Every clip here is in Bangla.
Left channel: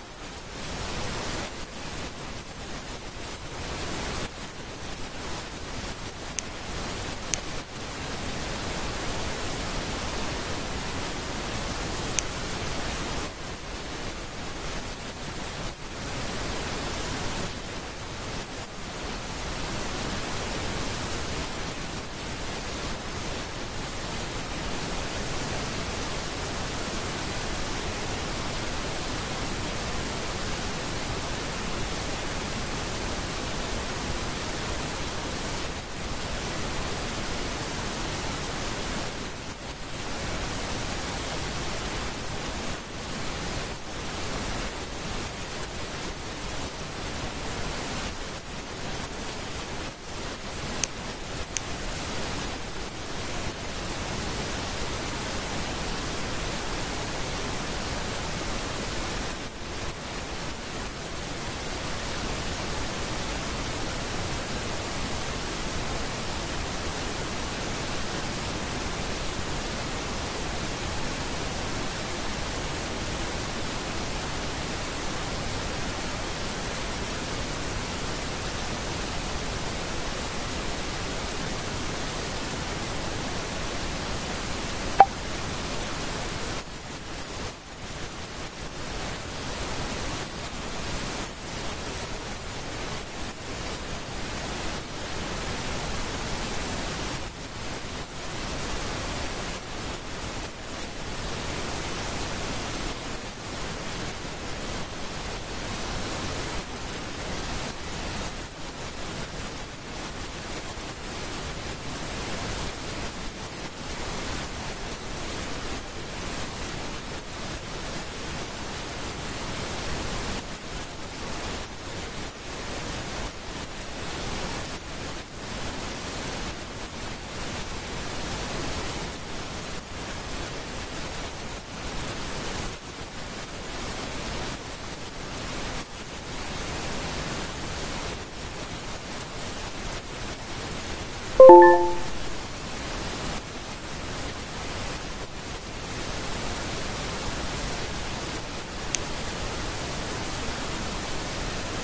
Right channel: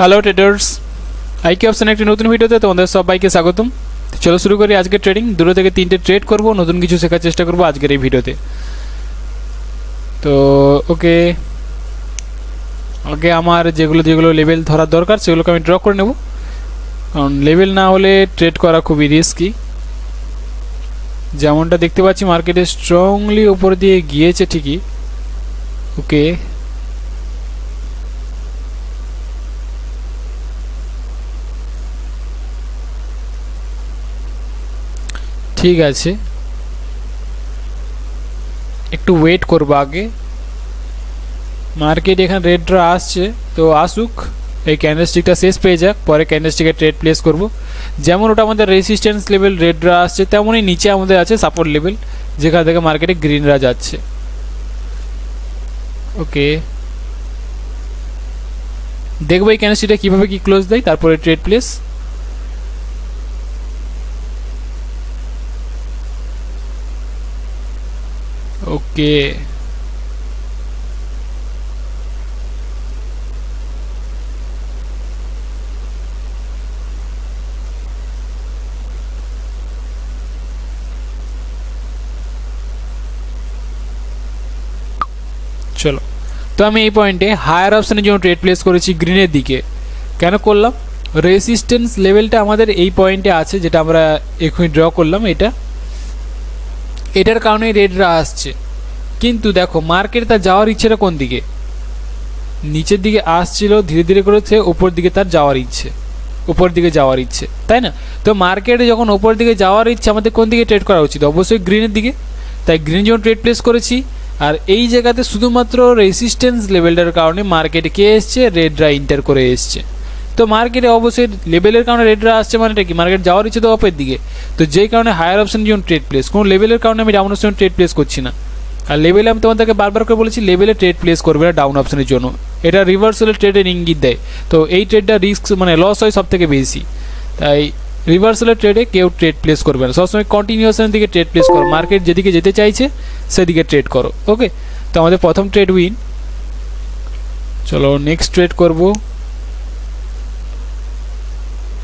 হ্যালো ট্রেডার্স, আইকি অপশন একটি নতুন ভিডিওতে তোমাদের সবাইকে স্বাগতম। চলো শুরু করি আজকের ট্রেডিং। 2 থেকে 3টে ট্রেড করব, নতুন কিছু শেখার চেষ্টা করব আজকের এই ভিডিওতে। তো ওকে, আগে আমার যেগুলো লেভেল ধরার দরকার সেগুলোকে আমি ড্র করে নেব, কারণ লেভেল না হলে ট্রেড করা খুবই রিস্কি। যেমনটা দেখতে পাচ্ছি মার্কেটে স্ট্রংলি উপর দিয়ে গিয়েছে ঠিকই। ওকে, ঠিক আছে, একটু ওয়েট করবো আগে। মার্কেট এখানে রেড ড্র আসছে, তো আসুক, এই ক্যান্ডেলস্টিকটা শেষ পেয়ে যাক, পরে ক্যান্ডেলস্টিকে ট্রেড প্লেস করব। যেমন ওটা আমাদের রেজিস্ট্যান্স লেভেল রেড ড্র আসছে, তেমনই নিচে আমাদের আছে সাপোর্ট লেভেল, যেখান থেকে মার্কেটে গ্রিন রা যাচ্ছে। ওকে, দেখবো এই ক্যান্ডেলস্টিকটা কীভাবে কি ক্লোজ দেয়, তারপরে ট্রেড প্লেস। ওকে, চলো। তো আমি এই পয়েন্টে হায়ার অপশনের জন্য ট্রেড প্লেস করেছি গ্রিনের দিকে। কেন করলাম? রেজিস্ট্যান্স লেভেলটা আমাদের এই পয়েন্টে আছে, যেটা আমরা এখনই ড্র করলাম। এটার কারণে রেডরা আসছে, কিন্তু দেখো মার্কেট তার যাওয়ার ইচ্ছেটা কোন দিকে? নিচের দিকে আসছিল, ধীরে ধীরে করেছে উপর দিকে তার যাওয়ার ইচ্ছে, উপর দিকে যাওয়ার ইচ্ছে, তাই না? তো মার্কেটে যখন উপর দিকে যাওয়ার ইচ্ছে, আমাদের কোন দিকে ট্রেড করা উচিত? অবশ্যই গ্রিনের দিকে। তাই গ্রিন যখন ট্রেড প্লেস করেছি, আর এই জায়গাতে শুধুমাত্র রেজিস্ট্যান্স লেভেলটার কারণে মার্কেটে কে এসছে? রেডরা ইন্টার করে এসছে। তো মার্কেটে অবশ্যই লেভেলের কারণে রেডরা আসছে, মানেটা কি? মার্কেট যাওয়ার ইচ্ছে তো অপের দিকে। তো যেই কারণে হায়ার অপশন যখন ট্রেড প্লেস, কোনো লেভেলের কারণে আমি ডাউন অপশন ট্রেড প্লেস করছি না। আর লেভেলে আমি তোমাদেরকে বারবার করে বলেছি, লেভেলে ট্রেড প্লেস করবে না ডাউন অপশনের জন্য, এটা রিভার্সালের ট্রেডের ইঙ্গিত দেয়। তো এই ট্রেডটা রিস্ক মানে লস হয় সব থেকে বেশি, তাই রিভার্সালের ট্রেডে কেউ ট্রেড প্লেস করবে না। সবসময় কন্টিনিউশনের দিকে ট্রেড প্লেস করো, মার্কেট যেদিকে যেতে চাইছে সেদিকে ট্রেড করো। ওকে, তো আমাদের প্রথম ট্রেড উইন। চলো নেক্সট ট্রেড করব।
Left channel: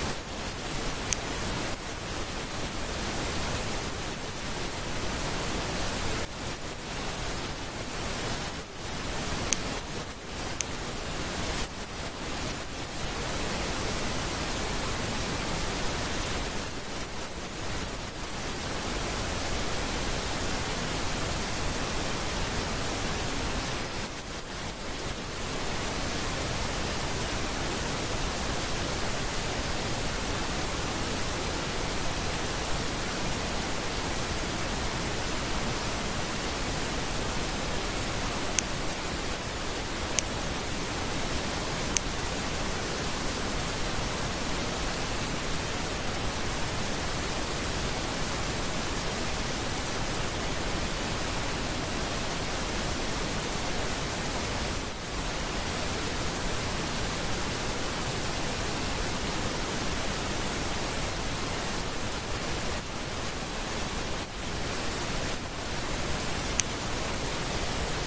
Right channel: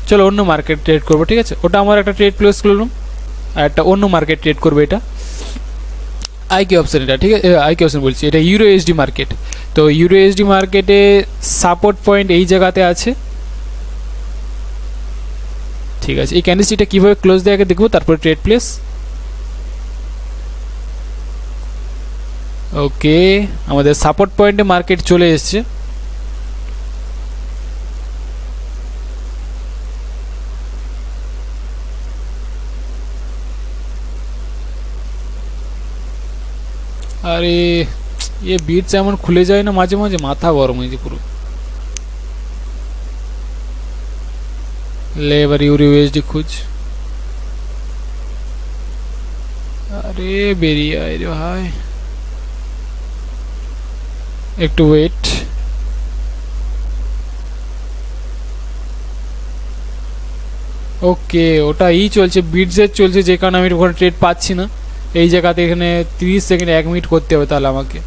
চলো অন্য মার্কেট ট্রেড করবো, ঠিক আছে? ওটা আমার একটা ট্রেড প্লেস করলাম, আর একটা অন্য মার্কেট ট্রেড করবো। এটা আইকি অপশন, এটা ঠিক আছে, আইকি অপশন বলছি, এটা ইউরো এসডি মার্কেট। তো ইউরো এসডি মার্কেটে সাপোর্ট পয়েন্ট এই জায়গাতে আছে, ঠিক আছে? এই ক্যান্ডেলস্টিকটা কীভাবে ক্লোজ দেয় আগে দেখবো, তারপরে ট্রেড প্লেস। ওকে, আমাদের সাপোর্ট পয়েন্টে মার্কেট চলে এসছে। আরে ये बीच এমন খুলে যায় না মাঝে মাঝে, মাথা গরম হয়ে যায় পুরো। ले এবার ইউরো ইউএসডি খুঁজ। আরে বেরিয়ে আয় রে ভাই, একটু ওয়েট। ওকে, ওটা ই চলছে, বিটসের চলছে, যে কারণে আমি ওখানে ট্রেড পাচ্ছি না। এই জায়গাতে এখানে 30 সেকেন্ড 1 মিনিট করতে হবে তাহলে আমাকে।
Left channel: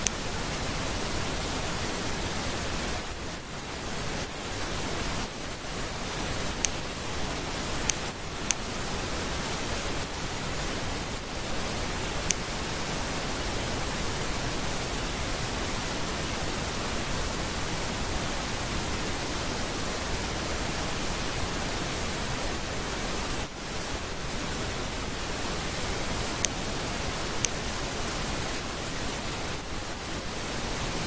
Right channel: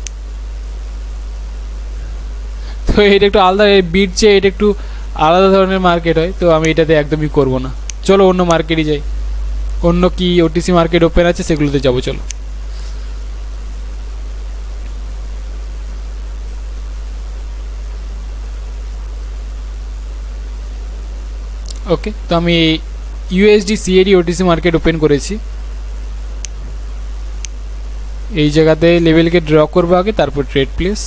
তো এটা একটু আলাদা, এই বিটসে এটা একটু আলাদা ধরনের মার্কেট হয়, তো আমি এটাতে একদমই করব না। চলো অন্য মার্কেটই যাই, অন্য কি ওটিসি মার্কেট ওপেন আছে সেগুলোতে যাবো। চলো ওকে, তো আমি USD CAD OTC market open করেছি। এই জায়গাতে লেভেলকে ড্র করবো আগে, তারপর ট্রেড প্লেস।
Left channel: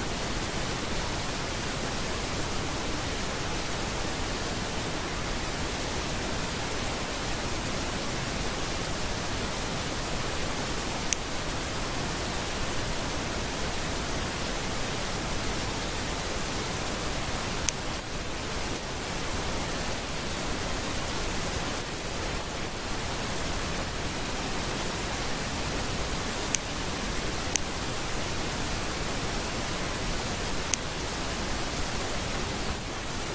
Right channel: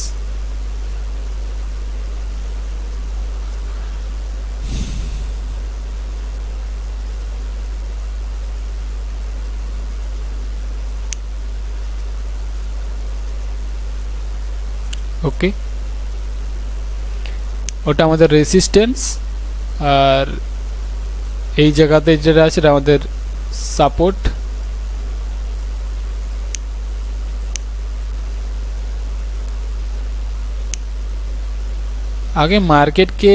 ওকে, ওটা আমাদের রেজিস্ট্যান্স, আর এই জায়গাতে যেটা আছে এটা আমাদের সাপোর্ট। আগে মার্কেটকে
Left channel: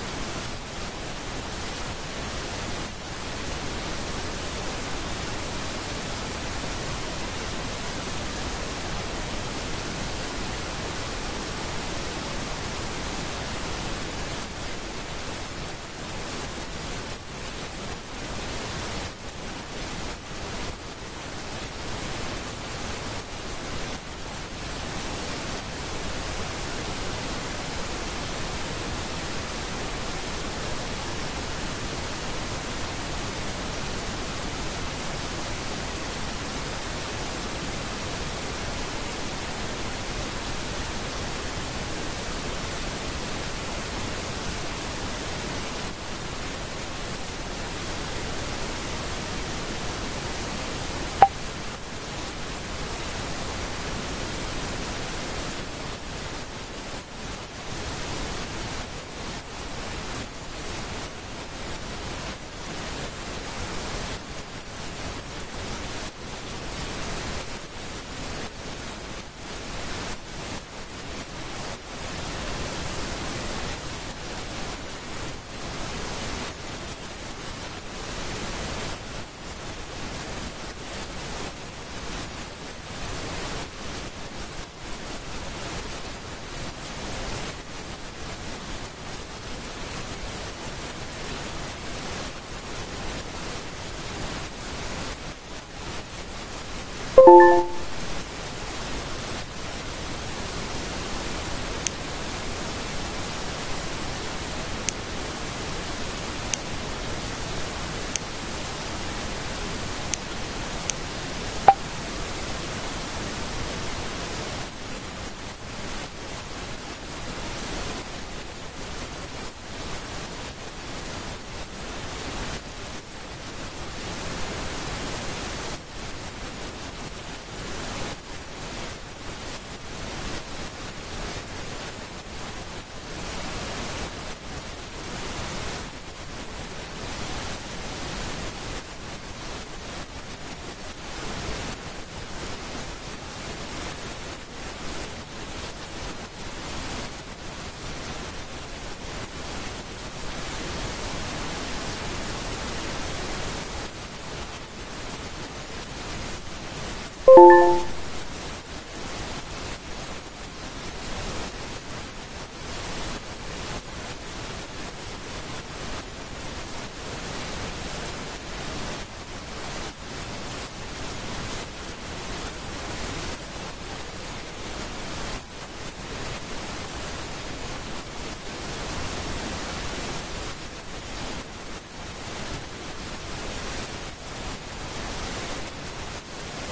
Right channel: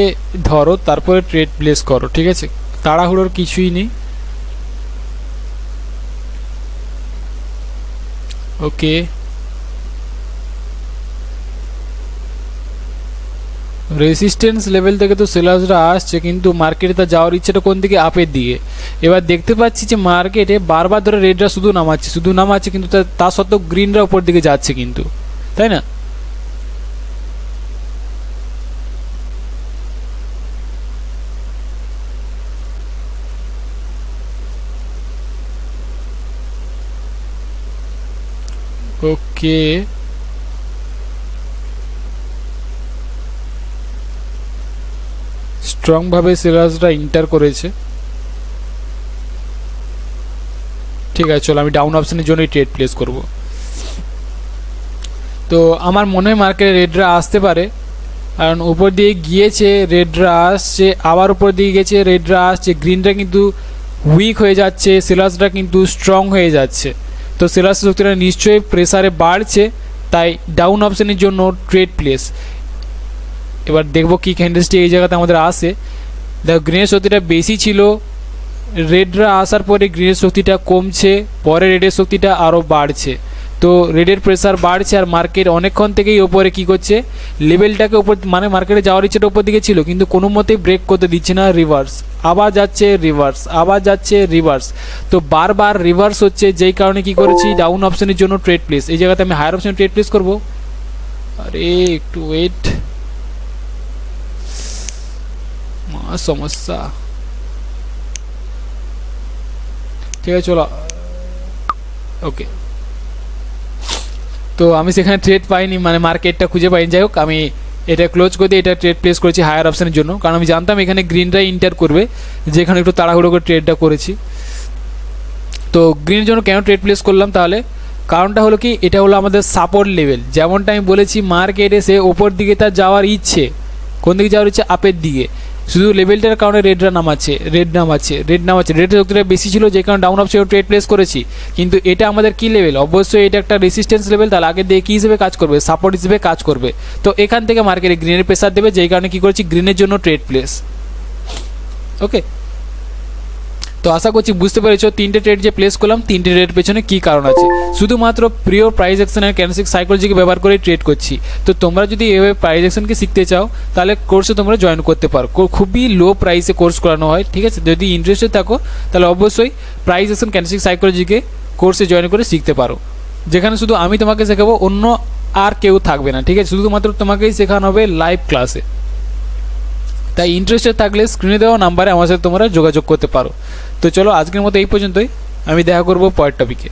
ধরো, তারপরে ট্রেড প্লেস করো, ঠিক আছে? তাড়াহুড়োর কিছুই নেই। ওকে, রেসিস্ট্যান্স লেভেল থেকে তো সেলার্সরা আসছে, কিন্তু মার্কেটে তার যাওয়ার ইচ্ছেটা কোন দিকে? আপের দিকে। এবার দেখতে পাচ্ছি যে মার্কেটে বারবার ধরে রেডরা শুধু নামাচ্ছে, কিন্তু তা সত্ত্বেও গ্রিনরা উপর দিকে যাচ্ছে কিন্তু, তাই না? ওকে, স্ট্রং ভাবে সেলার্সরা ইন্টার করেছে। ঠিক আছে, চলো আমি ডাউন অপশনের জন্যই ট্রেড প্লেস করব। তো আমার মনে হয় মার্কেটে রেডরা আসতে পারে, কারণ উপর দিয়ে গিয়েছে রেডরা আসছে, আবার উপর দিয়ে গেছে রেডরা আসছে, গ্রিনরা কিন্তু উইক হয়ে যাচ্ছে, সেলার্সরা কিন্তু স্ট্রং হয়ে যাচ্ছে। তো সেলার্স শক্তিটা নিশ্চয়ই প্রেসারে বাড়ছে, তাই ডাউন অপশনের জন্য ট্রেড প্লেস। এবার দেখবো কি ক্যান্ডেলস্টিক এই জায়গাতে আমাদের আসে। দেখো গ্রিনের শক্তিটা বেশি ছিল, রেডরা আসার পরে গ্রিনের শক্তিটা কমছে, পরে রেডের শক্তিটা আরও বাড়ছে। তো রেডের প্রেসার বাড়ছে, আর মার্কেট অনেকক্ষণ থেকেই ওপরে কি করছে, লেভেলটাকে ওপর, মানে মার্কেটে যাওয়ার ইচ্ছেটা ওপর দিকে ছিল, কিন্তু কোনো মতেই ব্রেক করতে দিচ্ছে না। রিভার্স, আবার যাচ্ছে রিভার্স, আবার যাচ্ছে রিভার্স। তো বারবার রিভার্স হচ্ছে, যেই কারণে কি করেছি ডাউন অপশনের জন্য ট্রেড প্লেস। এই জায়গাতে আমি হায়ার অপশনে ট্রেড প্লেস করবো। আরে একটু ওয়েট, সমস্যা। ঠিক আছে চলো, ওকে। তো আমি সেখানে ট্রেড পাইনি, মানে মার্কেটটা খুঁজে পাইনি। যাই হোক, আমি এটা ক্লোজ করে দিয়ে এটা ট্রেড প্লেস করেছি হায়ার অপশনের জন্য, কারণ আমি জানতাম এখানে গ্রিনরাই ইন্টার করবে, যেখানে একটু তাড়াহুড়ো করে ট্রেডটা করেছি। তো গ্রিনের জন্য কেন ট্রেড প্লেস করলাম তাহলে? কারণটা হলো কি, এটা হলো আমাদের সাপোর্ট লেভেল। যেমনটা আমি বলেছি, মার্কেটে সে ওপর দিকে তার যাওয়ার ইচ্ছে, কোন দিকে যাওয়ার ইচ্ছে? আপের দিকে। শুধু লেভেলটার কারণে রেডরা নামাচ্ছে, রেডের শক্তিটা বেশি ছিল, যে কারণে ডাউন অপশনে ট্রেড প্লেস করেছি। কিন্তু এটা আমাদের কি লেভেল? অবশ্যই এটা একটা রেসিস্ট্যান্স লেভেল, তাহলে আগে দিয়ে কী হিসেবে কাজ করবে? সাপোর্ট হিসেবে কাজ করবে। তো এখান থেকে মার্কেটে গ্রিনের প্রেসার দেবে, যেই কারণে কী করেছি, গ্রিনের জন্য ট্রেড প্লেস। ওকে, তো আশা করছি বুঝতে পেরেছো তিনটে ট্রেড যে প্লেস করলাম, তিনটে ট্রেড পেছনে কী কারণ আছে। শুধুমাত্র প্রিয় প্রাইস অ্যাকশন আর ক্যান্ডেলস্টিক সাইকোলজিকে ব্যবহার করে ট্রেড করছি। তো তোমরা যদি এভাবে প্রাইস অ্যাকশনকে শিখতে চাও, তাহলে কোর্সে তোমরা জয়েন করতে পারো। খুবই লো প্রাইসে কোর্স করানো হয়, ঠিক আছে? যদি ইন্টারেস্টেড থাকো, তাহলে অবশ্যই প্রাইস অ্যাকশন ক্যান্ডেলস্টিক সাইকোলজিকে কোর্সে জয়েন করে শিখতে পারো, যেখানে শুধু আমি তোমাকে শেখাবো, অন্য আর কেউ থাকবে না, ঠিক আছে? শুধুমাত্র তোমাকেই শেখানো হবে লাইভ ক্লাসে। তাই ইন্টারেস্টেড থাকলে স্ক্রিনে দেওয়া নাম্বারে আমার সাথে তোমরা যোগাযোগ করতে পারো। তো চলো আজকের মতো এই পর্যন্তই, আমি দেখা করবো পরের টপিকে।